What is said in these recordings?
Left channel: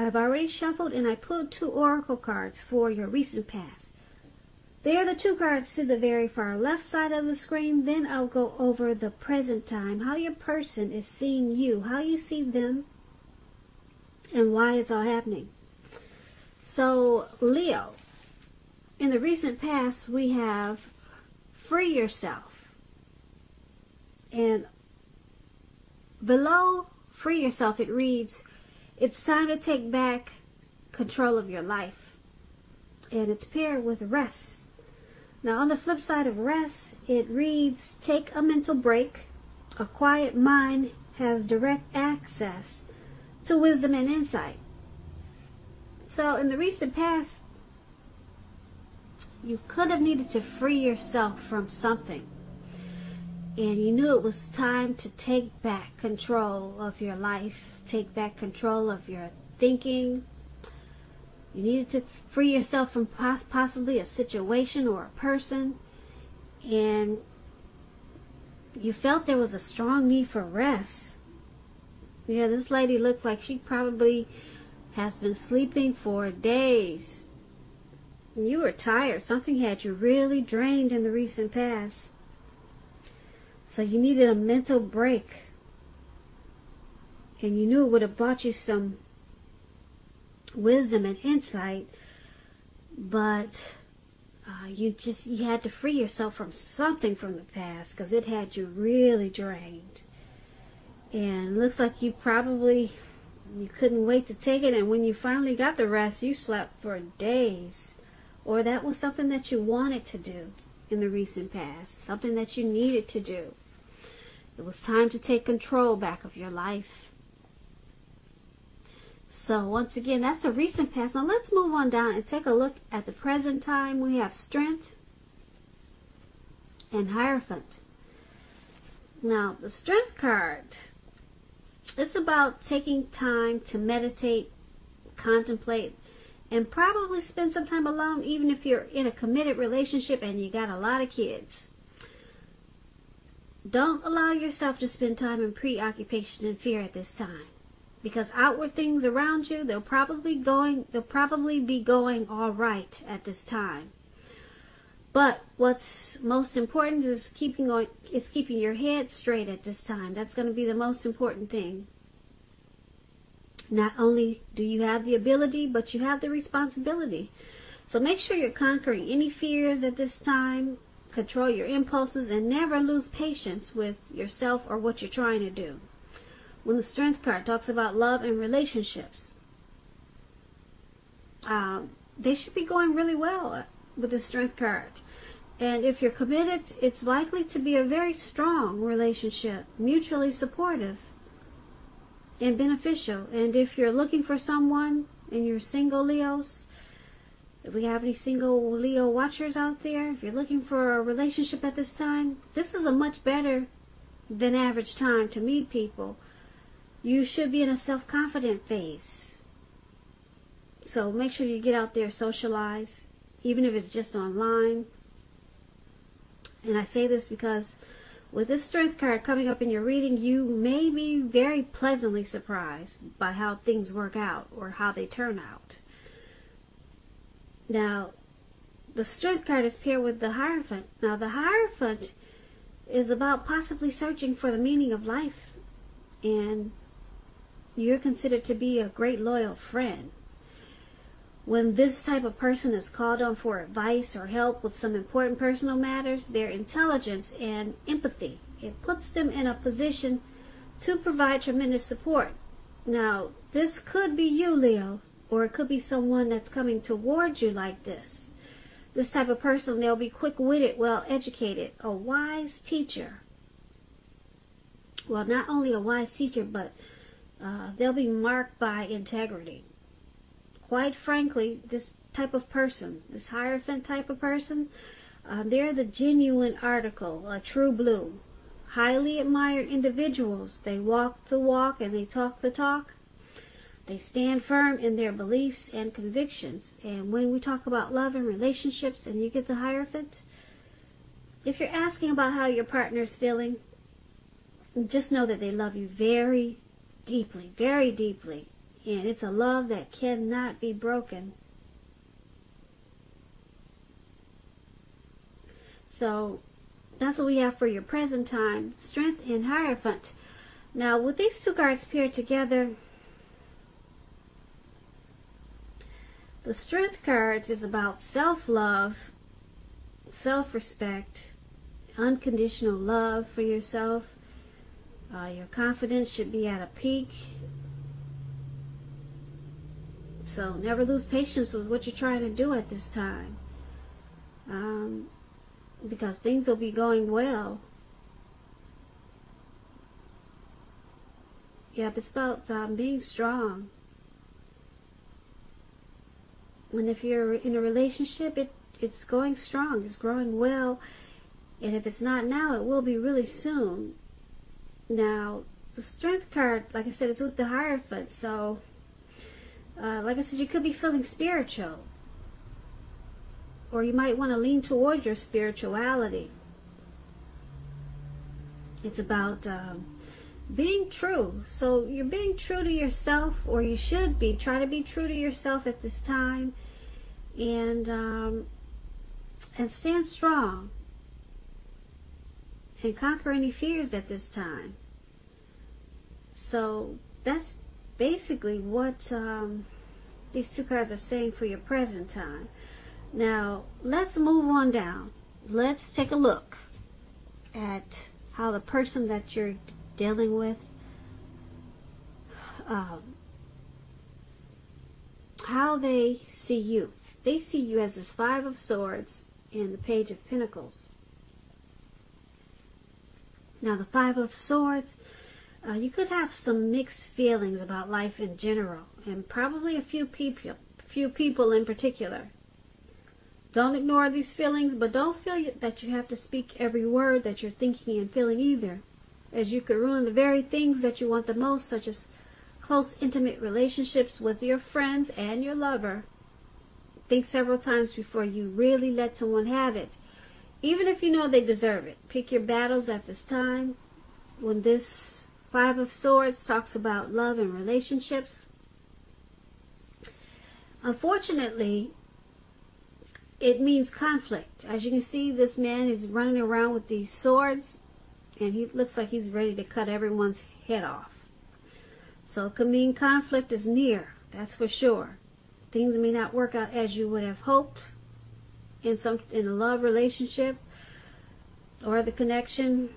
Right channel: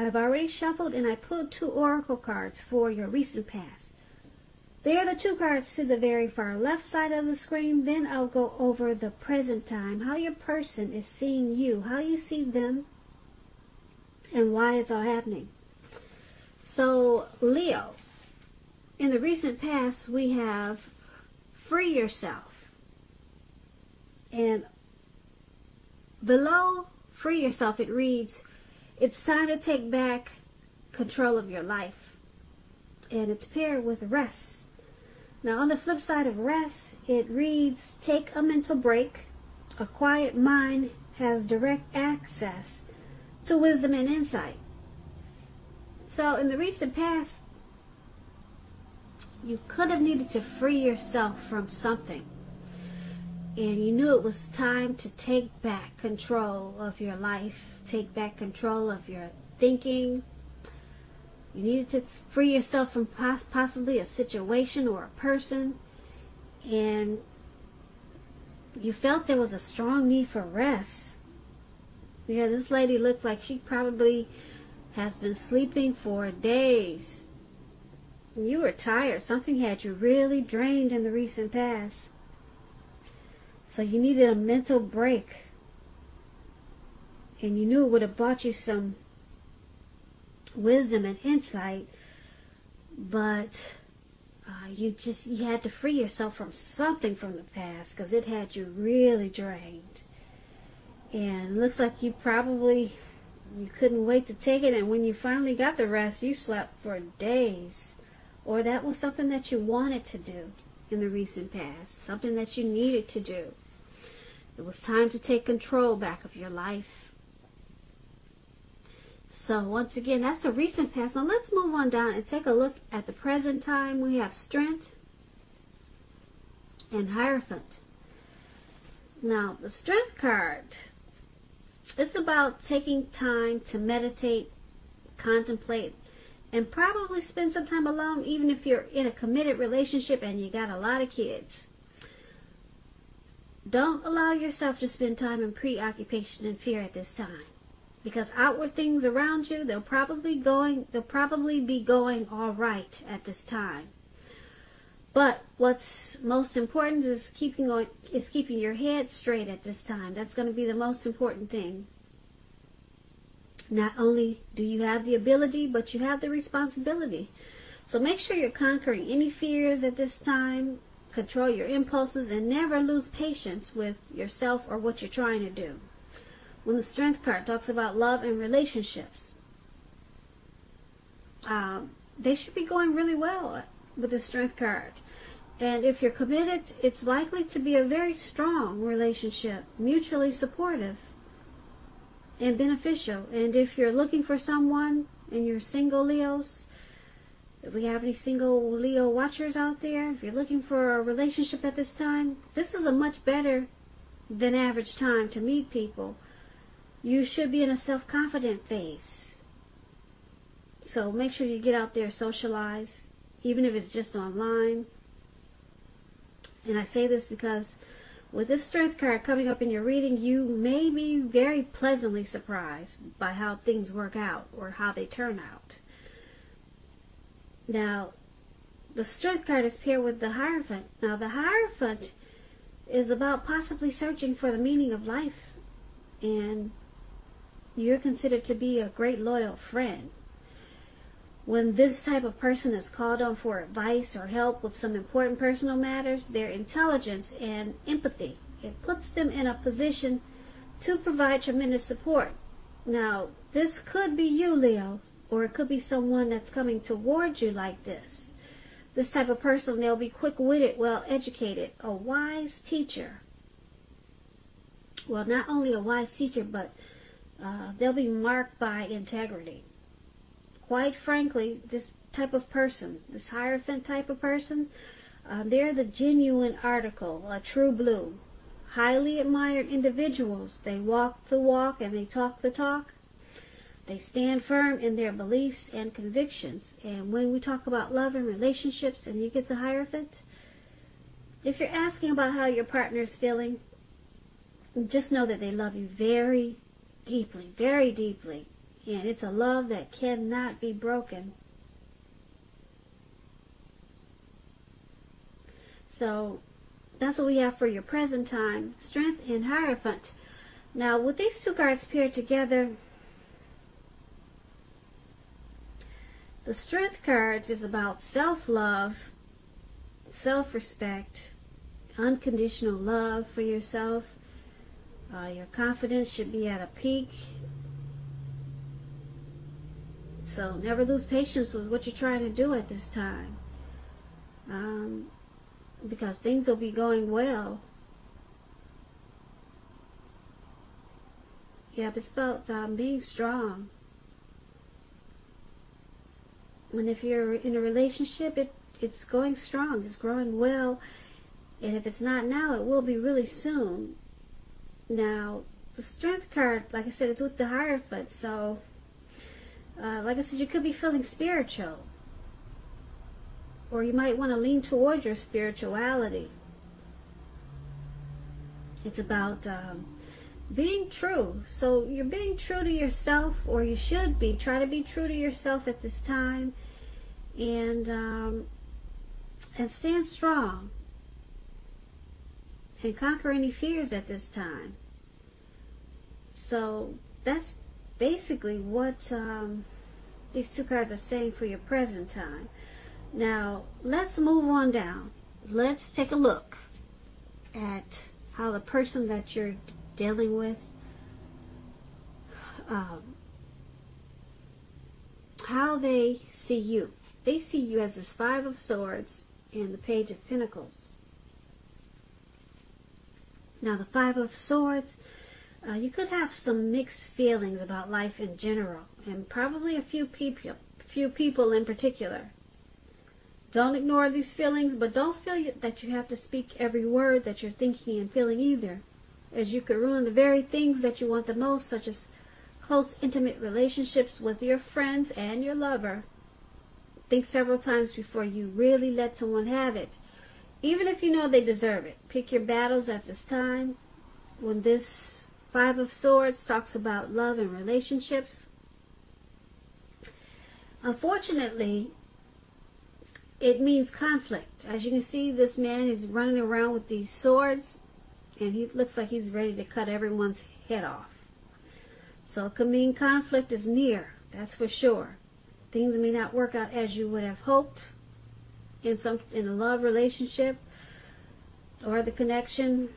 I've already shuffled and I pulled 2 oracle cards for your recent past. They are the 2 cards to the very far left side of the screen. Then I'll go over the present time, how your person is seeing you, how you see them, and why it's all happening. So, Leo, in the recent past, we have free yourself. And below free yourself, it reads, it's time to take back control of your life. And it's paired with rest. Now, on the flip side of rest, it reads, take a mental break. A quiet mind has direct access to wisdom and insight. So, in the recent past, you could have needed to free yourself from something. And you knew it was time to take back control of your life, take back control of your thinking. You needed to free yourself from possibly a situation or a person. And you felt there was a strong need for rest. Yeah, this lady looked like she probably has been sleeping for days. You were tired. Something had you really drained in the recent past. So you needed a mental break. And you knew it would have brought you some wisdom and insight. But you had to free yourself from something from the past because it had you really drained. And it looks like you couldn't wait to take it. And when you finally got the rest, you slept for days. Or that was something that you wanted to do in the recent past. Something that you needed to do. It was time to take control back of your life. So once again, that's a recent past. Now let's move on down and take a look at the present time. We have Strength and Hierophant. Now the Strength card, it's about taking time to meditate, contemplate, and probably spend some time alone, even if you're in a committed relationship and you got a lot of kids. Don't allow yourself to spend time in preoccupation and fear at this time. Because outward things around you, they'll probably be going all right at this time. But what's most important is keeping your head straight at this time. That's going to be the most important thing. Not only do you have the ability, but you have the responsibility. So make sure you're conquering any fears at this time. Control your impulses and never lose patience with yourself or what you're trying to do. When the Strength card talks about love and relationships, they should be going really well with the Strength card. And if you're committed, it's likely to be a very strong relationship, mutually supportive and beneficial. And if you're looking for someone and you're single Leos, if we have any single Leo watchers out there, if you're looking for a relationship at this time, this is a much better than average time to meet people. You should be in a self-confident phase. So make sure you get out there, socialize, even if it's just online. And I say this because with this Strength card coming up in your reading, you may be very pleasantly surprised by how things work out or how they turn out. Now, the Strength card is paired with the Hierophant. Now, the Hierophant is about possibly searching for the meaning of life. And you're considered to be a great loyal friend. When this type of person is called on for advice or help with some important personal matters, their intelligence and empathy, it puts them in a position to provide tremendous support. Now, this could be you, Leo, or it could be someone that's coming towards you like this. This type of person, they'll be quick-witted, well-educated, a wise teacher. Well, not only a wise teacher, but they'll be marked by integrity. Quite frankly, this type of person, this Hierophant type of person, they're the genuine article, a true blue. Highly admired individuals. They walk the walk and they talk the talk. They stand firm in their beliefs and convictions. And when we talk about love and relationships and you get the Hierophant, if you're asking about how your partner is feeling, just know that they love you very deeply, And it's a love that cannot be broken. So that's what we have for your present time. Strength and Hierophant. Now, with these two cards paired together, the Strength card is about self-love, self-respect, unconditional love for yourself. Your confidence should be at a peak. So never lose patience with what you're trying to do at this time. Because things will be going well. Yep, it's about being strong. And if you're in a relationship, it's going strong, it's growing well. And if it's not now, it will be really soon. Now, the Strength card, like I said, it's with the Hierophant. So, like I said, you could be feeling spiritual. Or you might want to lean towards your spirituality. It's about being true. So you're being true to yourself, or you should be. Try to be true to yourself at this time. And stand strong. And conquer any fears at this time. So that's basically what these two cards are saying for your present time. Now, let's move on down. Let's take a look at how the person that you're dealing with, how they see you. They see you as this Five of Swords and the Page of Pentacles. Now, the Five of Swords, you could have some mixed feelings about life in general, and probably a few people in particular. Don't ignore these feelings, but don't feel that you have to speak every word that you're thinking and feeling either, as you could ruin the very things that you want the most, such as close, intimate relationships with your friends and your lover. Think several times before you really let someone have it, even if you know they deserve it. Pick your battles at this time. When this Five of Swords talks about love and relationships, unfortunately, it means conflict. As you can see, this man is running around with these swords, and he looks like he's ready to cut everyone's head off. So it could mean conflict is near, that's for sure. Things may not work out as you would have hoped in a love relationship or the connection.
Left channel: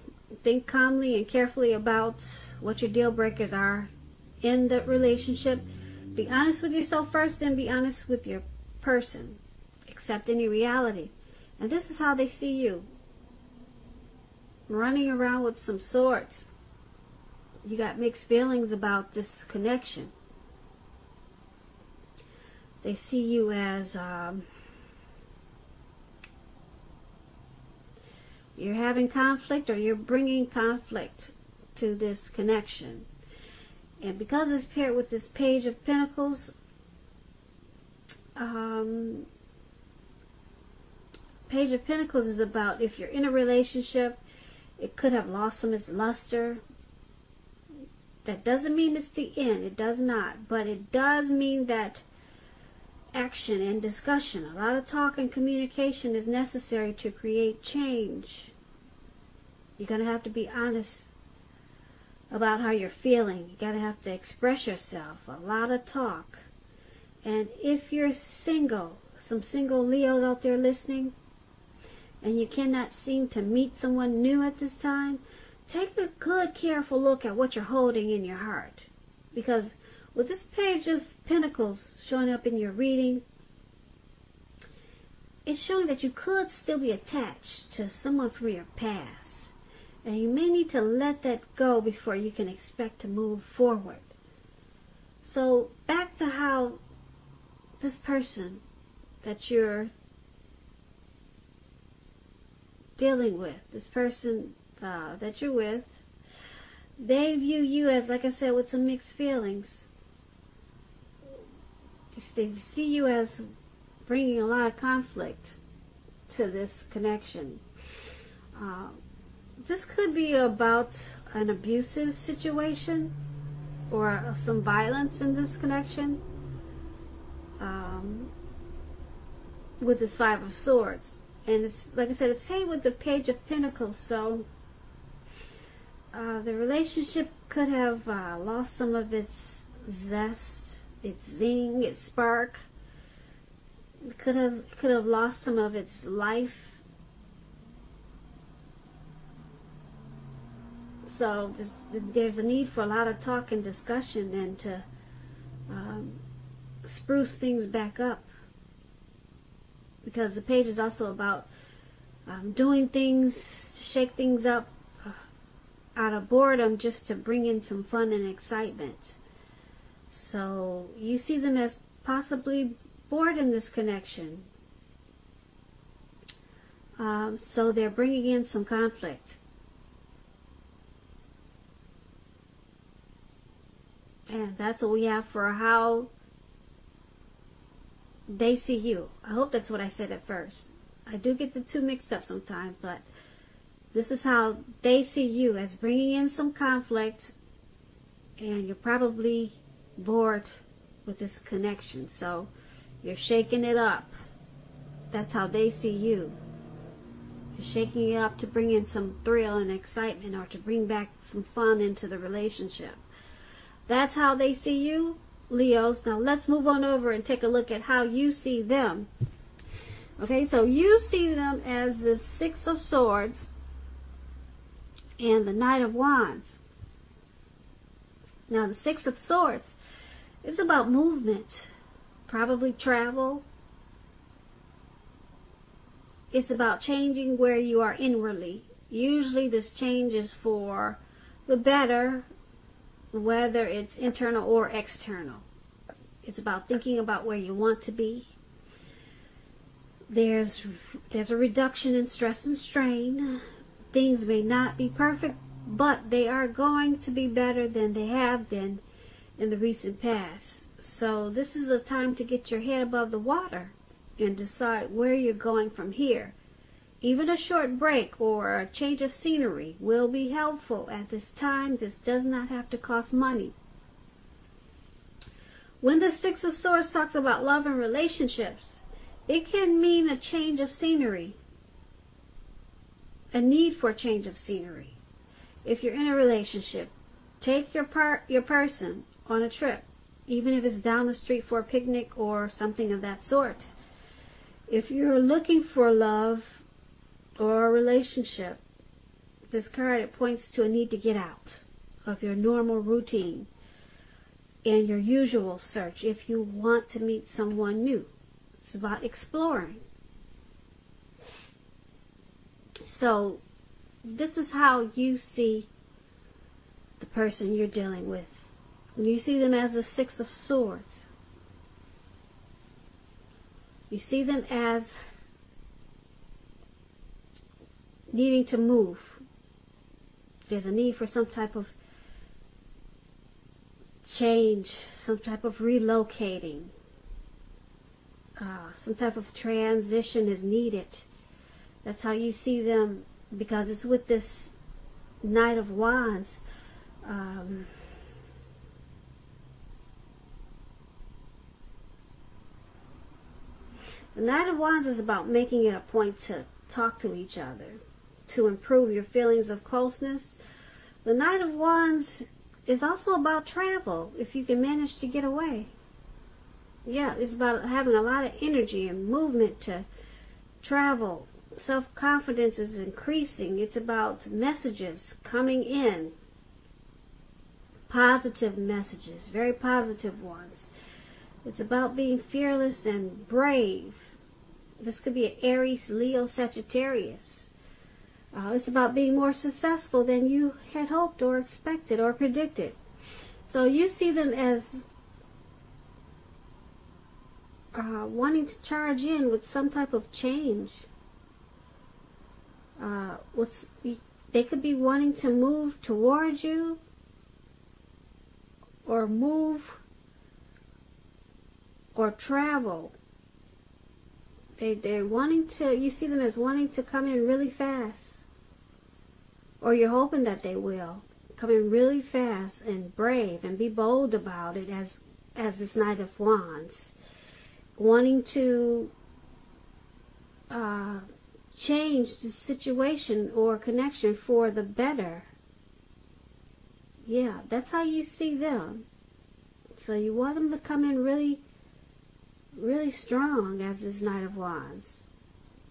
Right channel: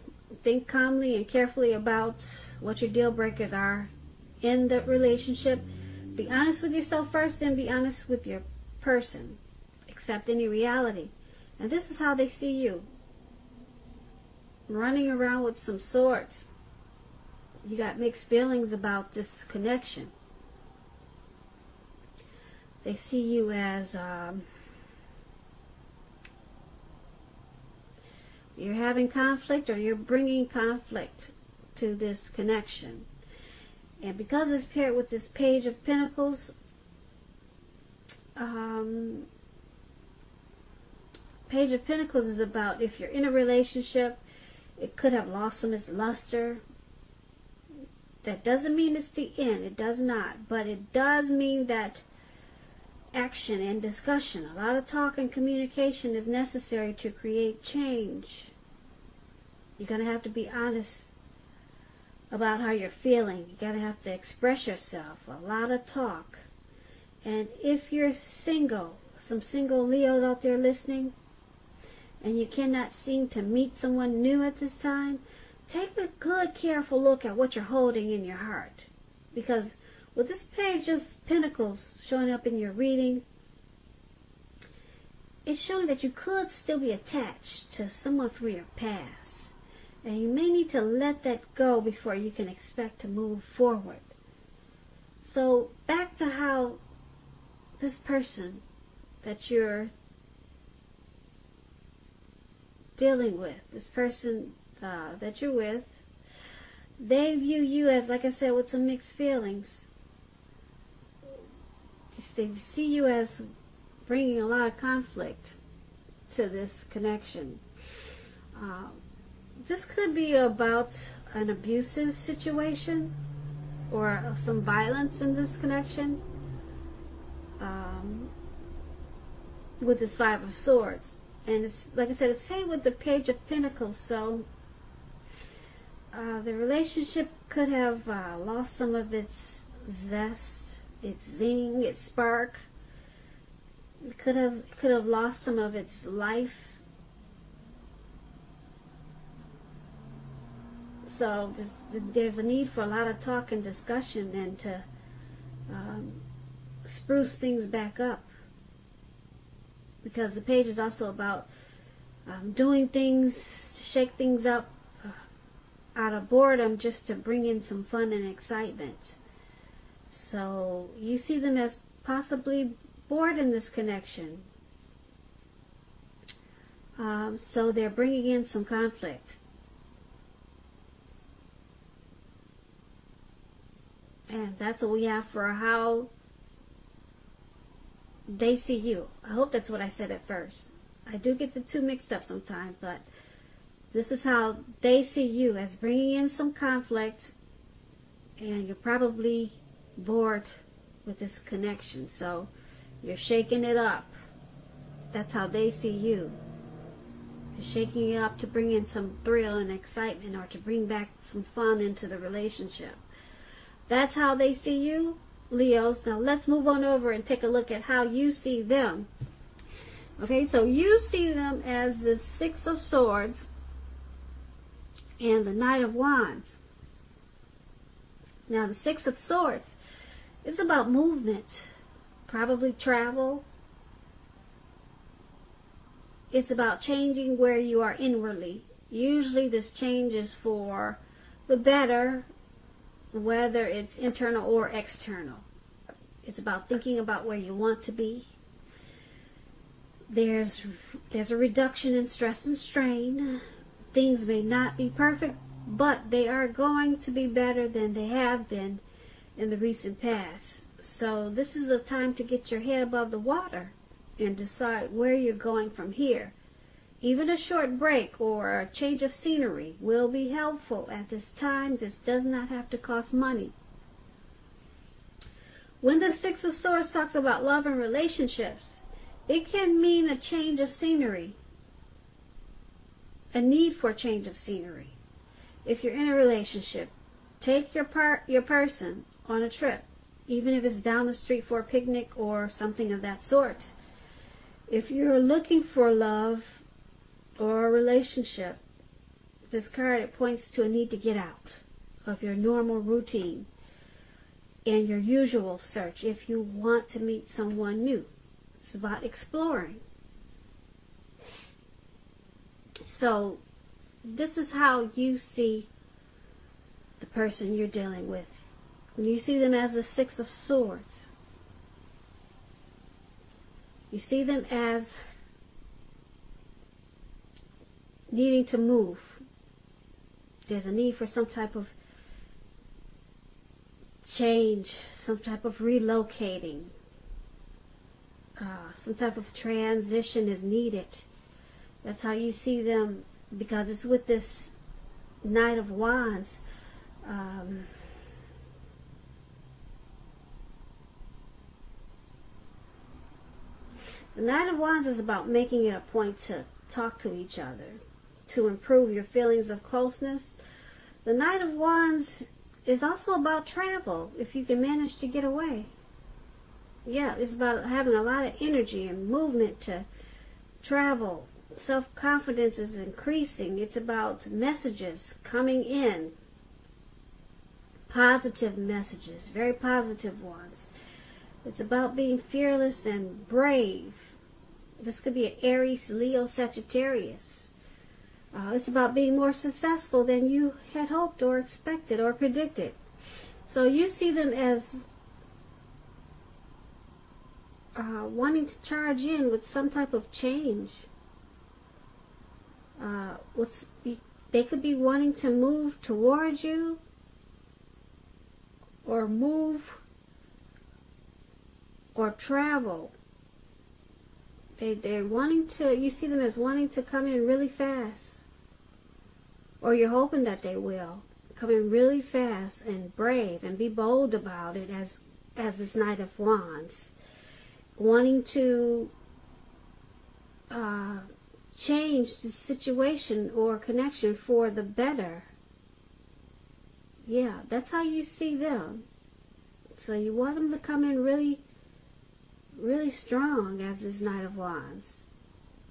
Think calmly and carefully about what your deal breakers are in the relationship. Be honest with yourself first, then be honest with your person. Accept any reality. And this is how they see you. Running around with some swords. You got mixed feelings about this connection. They see you as you're having conflict, or you're bringing conflict to this connection. And because it's paired with this Page of Pentacles, Page of Pentacles is about if you're in a relationship, it could have lost some of its luster. That doesn't mean it's the end. It does not. But it does mean that action and discussion, a lot of talk and communication is necessary to create change. You're going to have to be honest about how you're feeling. You're going to have to express yourself. A lot of talk. And if you're single, some single Leos out there listening, and you cannot seem to meet someone new at this time, take a good, careful look at what you're holding in your heart. Because with this Page of Pentacles showing up in your reading, it's showing that you could still be attached to someone from your past. And you may need to let that go before you can expect to move forward. So back to how this person that you're dealing with, this person that you're with, they view you as, like I said, with some mixed feelings. They see you as bringing a lot of conflict to this connection. This could be about an abusive situation. or some violence in this connection with this Five of Swords. And it's, like I said, it's paired with the Page of Pentacles. So the relationship could have lost some of its zest, its zing, its spark. It could have lost some of its life. So there's a need for a lot of talk and discussion, and to spruce things back up. Because the page is also about doing things to shake things up out of boredom, just to bring in some fun and excitement. So you see them as possibly bored in this connection. So they're bringing in some conflict. And that's what we have for how they see you. I hope that's what I said at first. I do get the two mixed up sometimes, but this is how they see you, as bringing in some conflict, and you're probably bored with this connection. So you're shaking it up. That's how they see you. You're shaking it up to bring in some thrill and excitement, or to bring back some fun into the relationship. That's how they see you, Leos. Now let's move on over and take a look at how you see them. Okay, so you see them as the Six of Swords and the Knight of Wands. Now the Six of Swords is about movement, probably travel. It's about changing where you are inwardly. Usually this change is for the better, whether it's internal or external. It's about thinking about where you want to be. There's a reduction in stress and strain. Things may not be perfect, but they are going to be better than they have been in the recent past. So this is a time to get your head above the water and decide where you're going from here. Even a short break or a change of scenery will be helpful at this time. This does not have to cost money. When the Six of Swords talks about love and relationships, it can mean a change of scenery, a need for a change of scenery. If you're in a relationship, take your person on a trip, even if it's down the street for a picnic or something of that sort. If you're looking for love or a relationship, this card points to a need to get out of your normal routine and your usual search if you want to meet someone new. It's about exploring. So this is how you see the person you're dealing with. You see them as a Six of Swords. You see them as needing to move. There's a need for some type of change, some type of relocating. Some type of transition is needed. That's how you see them, because it's with this Knight of Wands. The Knight of Wands is about making it a point to talk to each other, to improve your feelings of closeness. The Knight of Wands is also about travel, if you can manage to get away. Yeah, it's about having a lot of energy and movement to travel. Self-confidence is increasing. It's about messages coming in. Positive messages, very positive ones. It's about being fearless and brave. This could be an Aries, Leo, Sagittarius. It's about being more successful than you had hoped or expected or predicted. So you see them as wanting to charge in with some type of change. They could be wanting to move towards you, or move, or travel. They're wanting to, you see them as wanting to come in really fast. Or you're hoping that they will. come in really fast and brave and be bold about it as this Knight of Wands. Wanting to change the situation or connection for the better. Yeah, that's how you see them. So you want them to come in really, really strong as this Knight of Wands.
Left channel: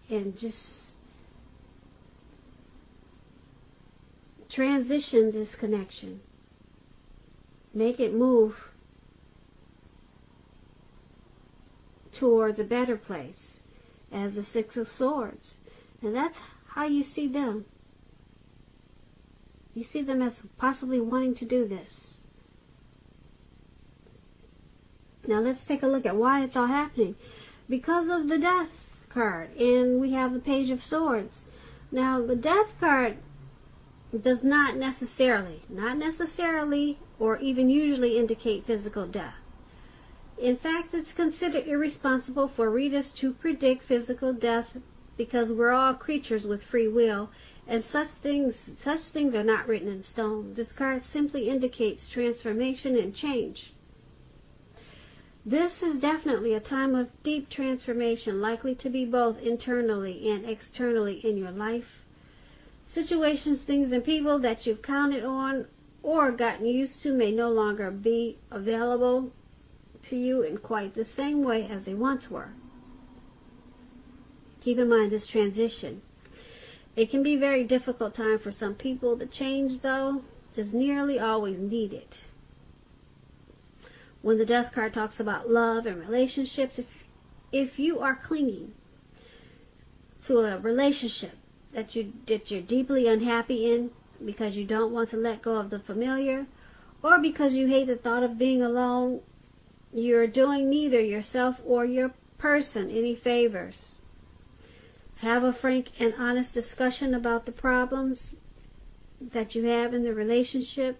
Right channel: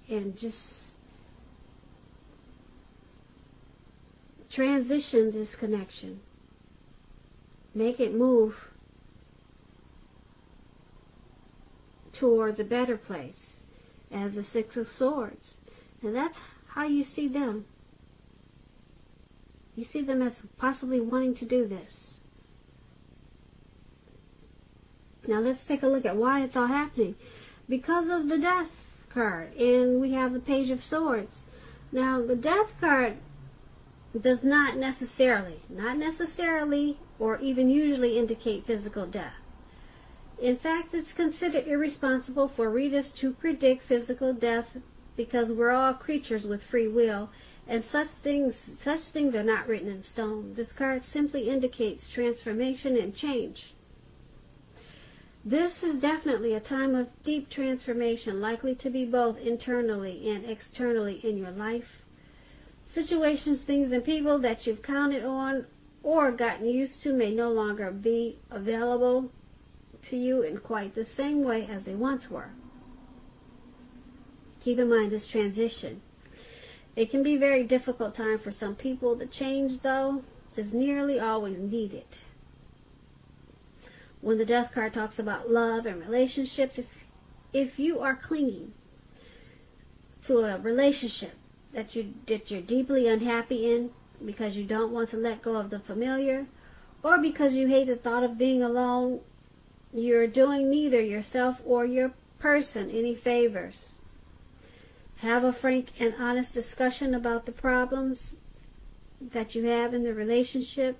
And just transition this connection. Make it move towards a better place as the Six of Swords. And that's how you see them. You see them as possibly wanting to do this. Now let's take a look at why it's all happening. Because of the Death card. And we have the Page of Swords. Now the Death card does not necessarily, or even usually indicate physical death. In fact, it's considered irresponsible for readers to predict physical death because we're all creatures with free will, and such things are not written in stone. This card simply indicates transformation and change. This is definitely a time of deep transformation, likely to be both internally and externally in your life. Situations, things, and people that you've counted on or gotten used to may no longer be available to you in quite the same way as they once were. Keep in mind this transition. It can be a very difficult time for some people. The change, though, is nearly always needed. When the Death card talks about love and relationships, if you are clinging to a relationship that you're deeply unhappy in because you don't want to let go of the familiar, or because you hate the thought of being alone, you're doing neither yourself or your person any favors. Have a frank and honest discussion about the problems that you have in the relationship,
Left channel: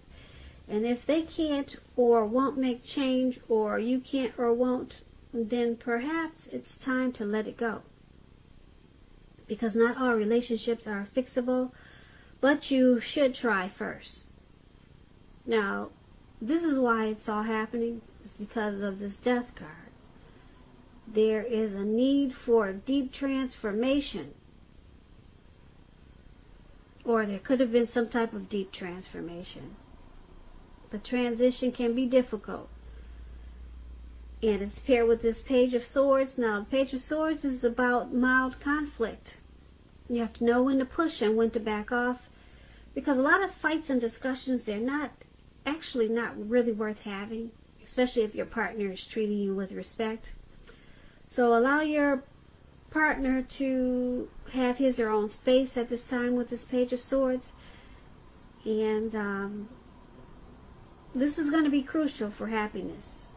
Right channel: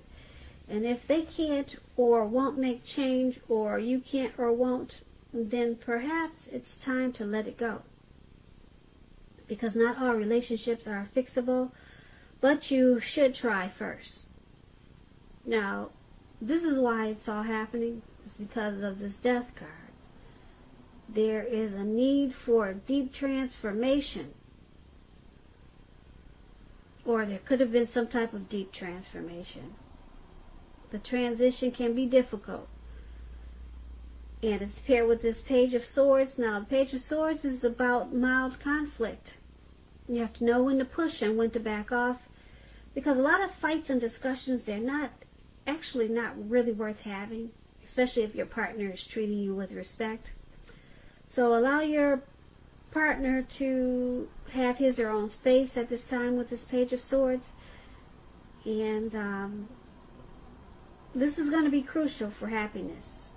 and if they can't or won't make change, or you can't or won't, then perhaps it's time to let it go. Because not all relationships are fixable, but you should try first. Now, this is why it's all happening. It's because of this Death card. There is a need for a deep transformation. Or there could have been some type of deep transformation. The transition can be difficult. And it's paired with this Page of Swords. Now, the Page of Swords is about mild conflict. You have to know when to push and when to back off. Because a lot of fights and discussions, they're not really worth having. Especially if your partner is treating you with respect. So allow your partner to have his or her own space at this time with this Page of Swords. And this is going to be crucial for happiness.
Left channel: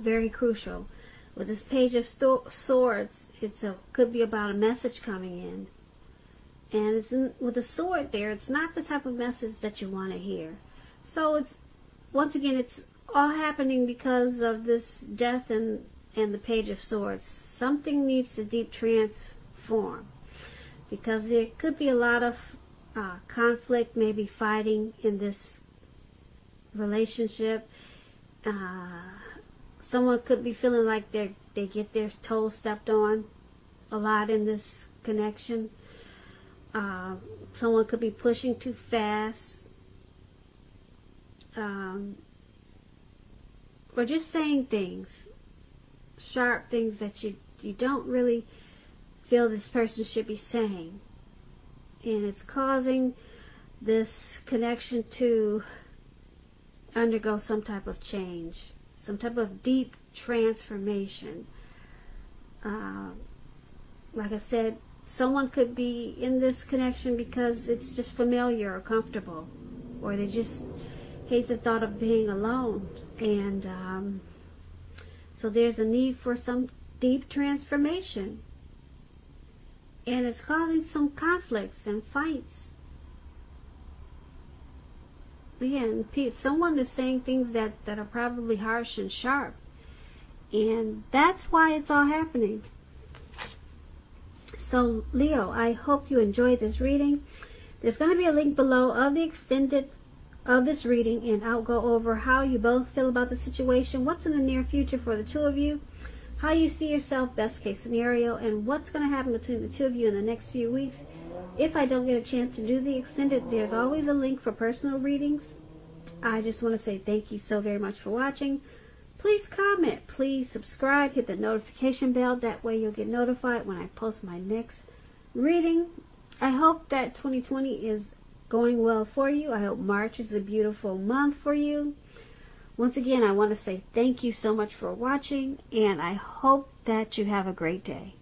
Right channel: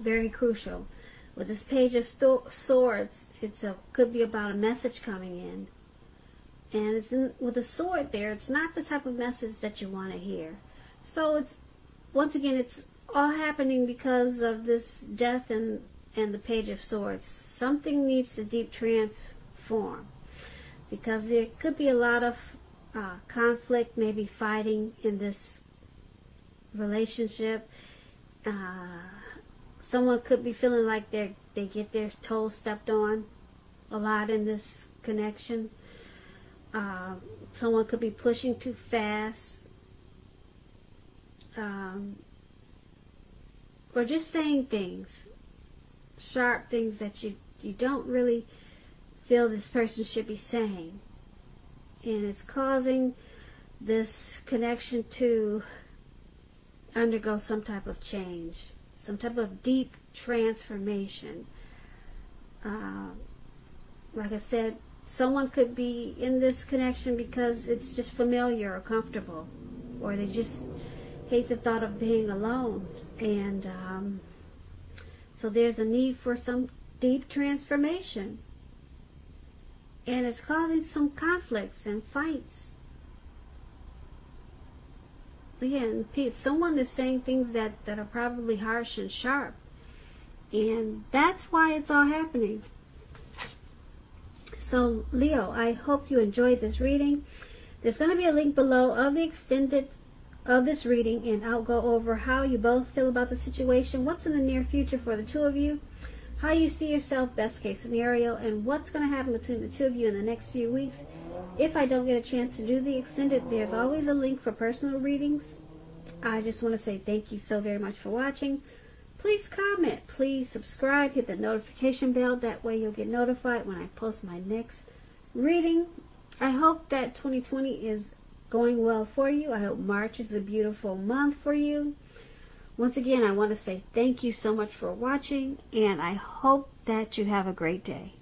Very crucial. With this Page of Swords, could be about a message coming in. And with a sword there, it's not the type of message that you want to hear. So once again, it's all happening because of this Death and the Page of Swords. Something needs to deep transform. Because there could be a lot of conflict, maybe fighting in this relationship. Someone could be feeling like they get their toes stepped on a lot in this connection. Someone could be pushing too fast. Or just saying things, sharp things that you don't really feel this person should be saying. And it's causing this connection to undergo some type of change, some type of deep transformation. Like I said, someone could be in this connection because it's just familiar or comfortable, or they just hate the thought of being alone. And so there's a need for some deep transformation. And it's causing some conflicts and fights. Again, someone is saying things that are probably harsh and sharp. And that's why it's all happening. So, Leo, I hope you enjoyed this reading. There's going to be a link below of the extended of this reading, and I'll go over how you both feel about the situation, what's in the near future for the two of you, how you see yourself, best case scenario, and what's going to happen between the two of you in the next few weeks. If I don't get a chance to do the extended, there's always a link for personal readings. I just want to say thank you so very much for watching. Please comment, please subscribe, hit the notification bell. That way you'll get notified when I post my next reading. I hope that 2020 is going well for you. I hope March is a beautiful month for you. Once again, I want to say thank you so much for watching, and I hope that you have a great day.